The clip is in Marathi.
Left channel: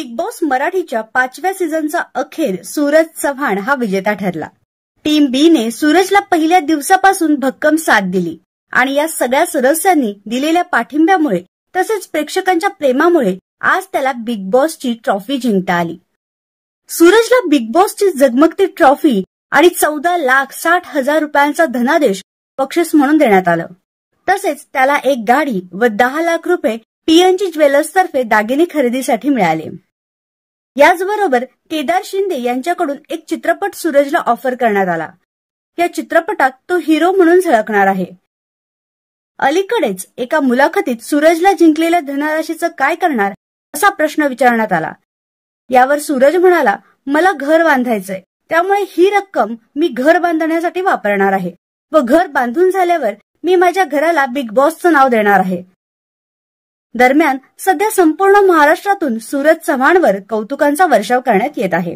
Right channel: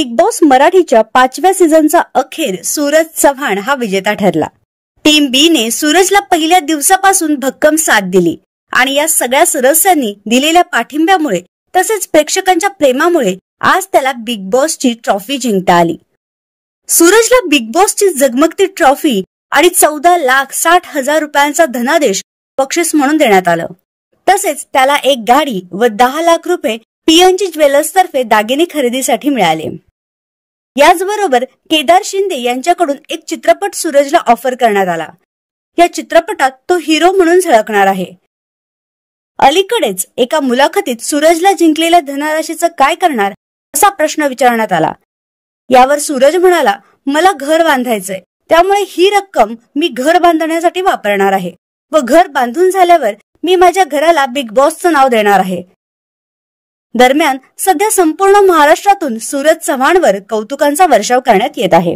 बिग बॉस मराठीच्या 5व्या सीझनचा अखेर सूरज चव्हाण हा विजेता ठरला। टीम बी ने सूरजला पहिल्या दिवसापासून भक्कम साथ दिली आणि या सगळ्या सदस्यांनी दिलेल्या पाठिंब्यामुळे तसेच प्रेक्षकांच्या प्रेमामुळे आज त्याला बिग बॉसची ट्रॉफी जिंकता आली। सूरजला बिग बॉसची जगमगती ट्रॉफी आणि 14,60,000 रुपयांचा धनादेश बक्षीस म्हणून देण्यात आलं। तसेच त्याला एक गाडी व 10 लाख रुपये पीएनजी ज्वेलर्स तर्फे दागिने खरेदीसाठी मिळाले। याचबरोबर केदार शिंदे यांच्याकडून एक चित्रपट सूरजला ऑफर करण्यात आला। या चित्रपटात तो हिरो म्हणून झळकणार आहे। अलीकडेच एका मुलाखतीत सूरजला जिंकलेल्या धनराशीचं काय करणार असा प्रश्न विचारण्यात आला। यावर सूरज म्हणाला, मला घर बांधायचंय, त्यामुळे ही रक्कम मी घर बांधण्यासाठी वापरणार आहे व घर बांधून झाल्यावर मी माझ्या घराला बिग बॉसचं नाव देणार आहे। दरम्यान सध्या संपूर्ण महाराष्ट्रातून सूरज चव्हाणवर कौतुकांचा वर्षाव करण्यात येत आहे।